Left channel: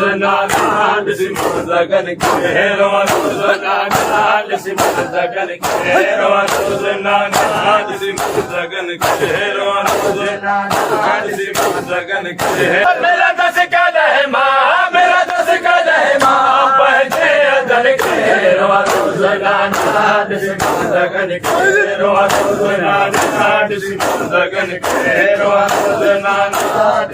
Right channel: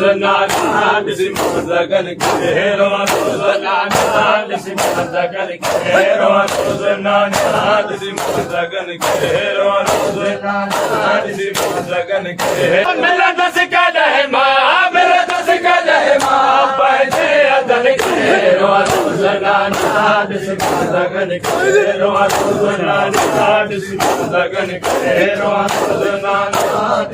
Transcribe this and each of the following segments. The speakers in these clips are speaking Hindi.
रोज नाना सिमंदा गन के रोज नाना सिमंदा गन के रोज नाना सिमंदा गन के रोज नाना सिमंदा गन के मेरा दस का है माँ मेरा दस का है माँ पैसे अदर के रोज नाना सिमंदा गन के रोज नाना सिमंदा गन के रोज नाना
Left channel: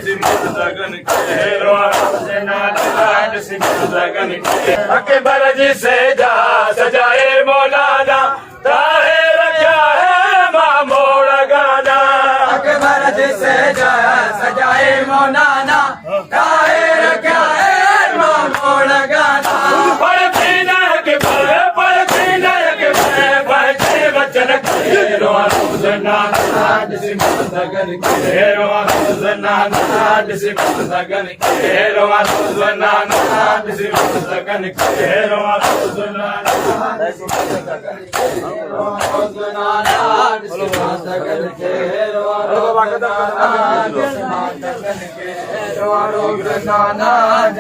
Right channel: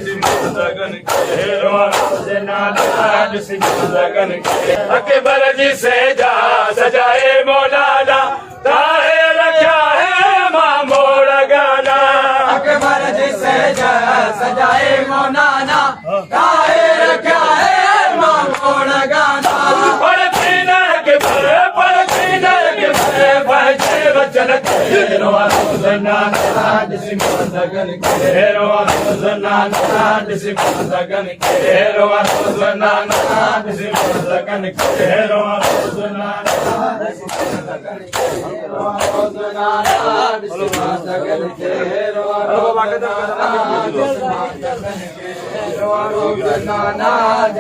सिमंदा गन के रोज नाना सिमंदा गन के अकबर जी से जा सजाए मौलाना ताहे रखा है माँ मोड़ा गाना अकबर जी से जा सजाए मौलाना ताहे रखा है माँ मोड़ा गाना पर पीने के बच्चे बच्चन के रोज नाना सिमंदा गन के रोज नाना सिमंदा गन के रोज नाना सिमंदा गन के रोज नाना सिमंदा गन के रोज नाना सिमंदा गन के रोज नाना सिमंदा गन के रोज नाना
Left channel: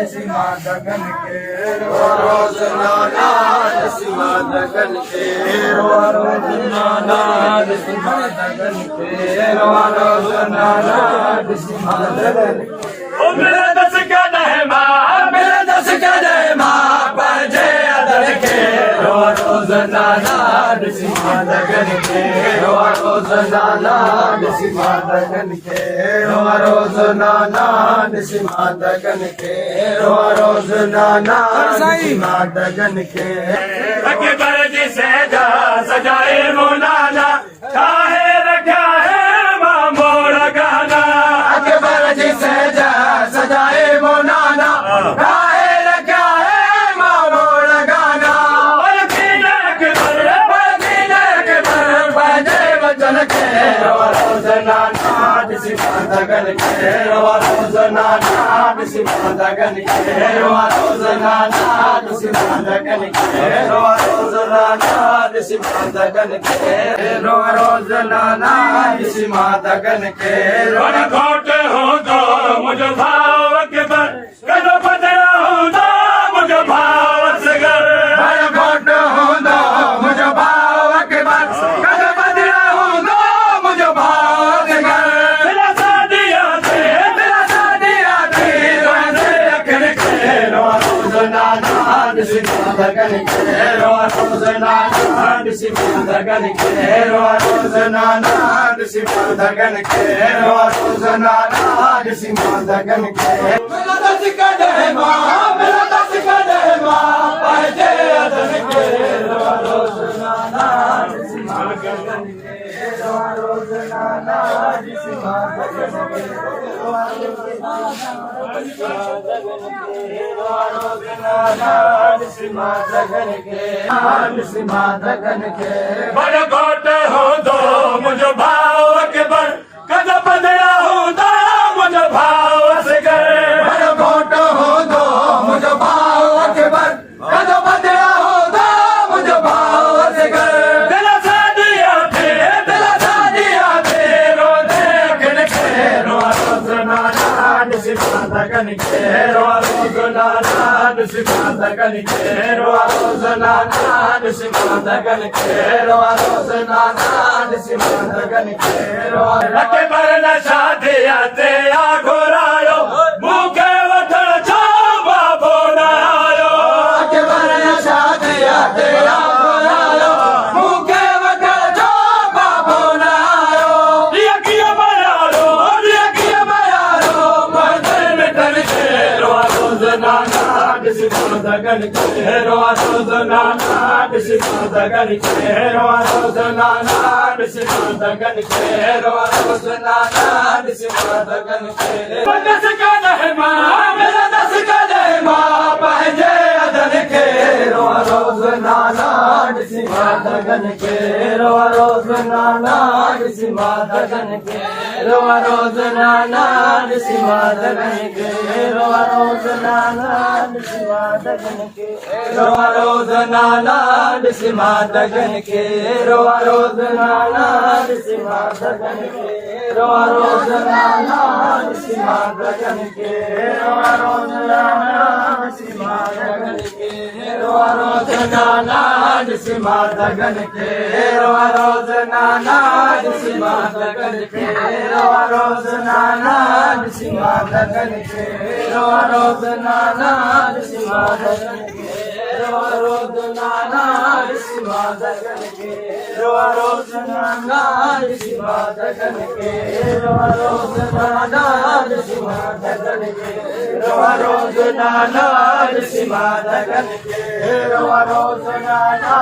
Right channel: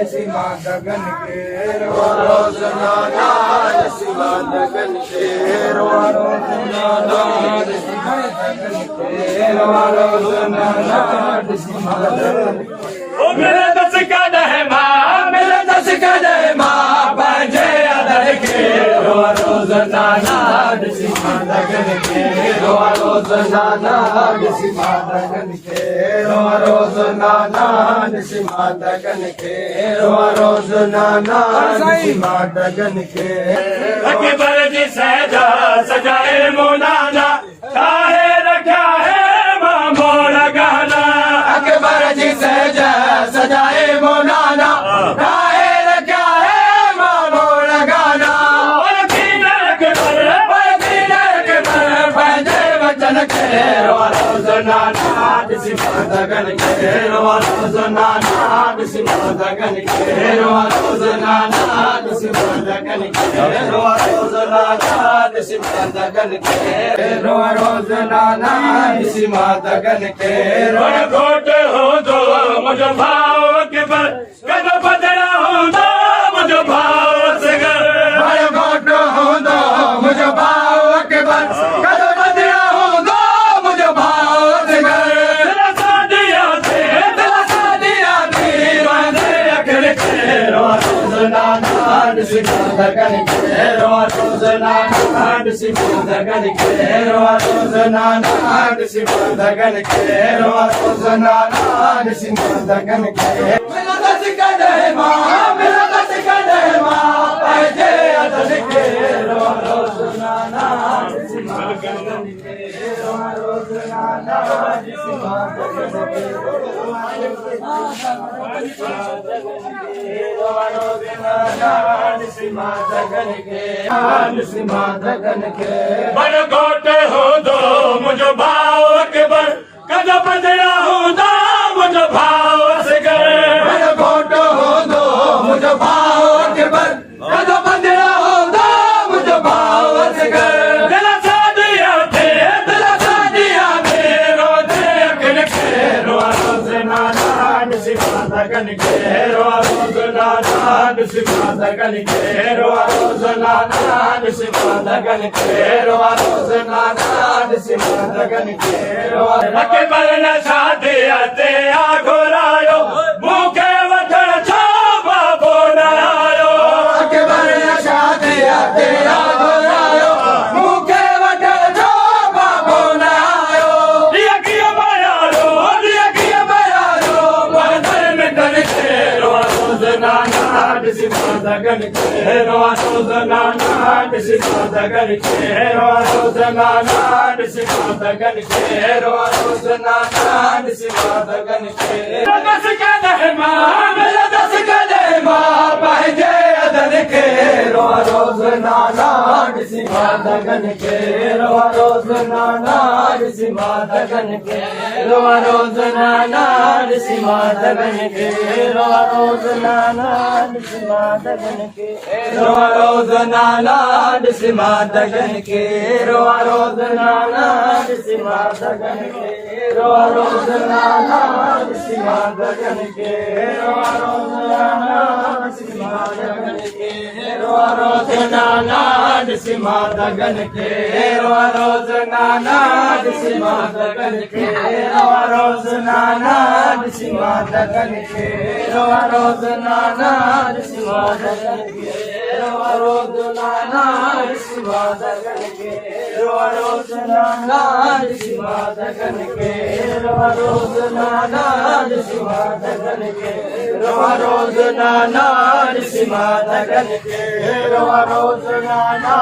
सिमंदा गन के रोज नाना सिमंदा गन के रोज नाना सिमंदा गन के ओ मेरा दस का है माँ मेरा दस का है माँ बजे अदर के रोज नाना सिमंदा गन के रोज नाना सिमंदा गन के रोज नाना सिमंदा गन के रोज नाना सिमंदा गन के अकबर जी से जा सजाए मौलाना काहे रखा है माँ मोड़ा गाना अकबर जी से जा सजाए मौलाना काहे रखा है माँ मोड़ा गाना बजे वचन के रोज नाना सिमंदा गन के रोज नाना सिमंदा गन के रोज नाना सिमंदा गन के रोज नाना सिमंदा गन के रोज नाना सिमंदा गन के घोट हो दो मुझे भाव के पर कदो बदला हो दो मुझे भाव से घर घोट हो दो मुझे भाव के पर कदो बदला हो दो मुझे भाव से घर तेरा सादिया थे रोजे अखिल के रोज नाना सिमंदा गन के रोज नाना सिमंदा गन के रोज नाना सिमंदा गन के रोज नाना सिमंदा गन के मेरा दस का है माँ मेरा दस का है माँ पैसे अदर के रोज नाना सिमंदा गन के रोज नाना सिमंदा गन के सिमंदा गन के सिमंदा गन के बड़ घोटे हो दो मुझे भाव के बर कदो बदला हो दो मुझे भाव से घर बड़ घोटो हो दो मुझे भाव के बर कदो बदला हो दो मुझे भाव से घर दिला सादिया थे रोजे अखिल के रोज नाना सिमंदा गन के रोज नाना सिमंदा गन के रोज नाना सिमंदा गन के रोज नाना सिमंदा गन के अकबर न शादिया ते आ घोरायो मुखे वठण छो बाबो न आयो अकबर ने शादिया तेरा घोरायो मुखे वठण छो बाबो न आयो दिया किया बयारो बदल में तन के रोज नाना सिमंदा गन के रोज नाना सिमंदा गन के रोज नाना सिमंदा गन के रोज नाना सिमंदा गन के दस का है माँ मेरा दस का है माँ पहले अदन के रोज नाना सिमंदा गन के रोज नाना सिमंदा गन के रोज नाना सिमंदा गन के रोज नाना सिमंदा गन के रोज नाना सिमंदा गन के रोज नाना सिमंदा गन के रोज नाना सिमंदा गन के रोज नाना नाना सिमा दगन के रोज नाना सिमा दगन के रोज नाना सिमा दगन के रोज नाना सिमा दगन के रोज नाना सिमा दगन के रोज नाना सिमा दगन के रोज नाना सिमा दगन के रोज नाना सिमा दगन के रोज नाना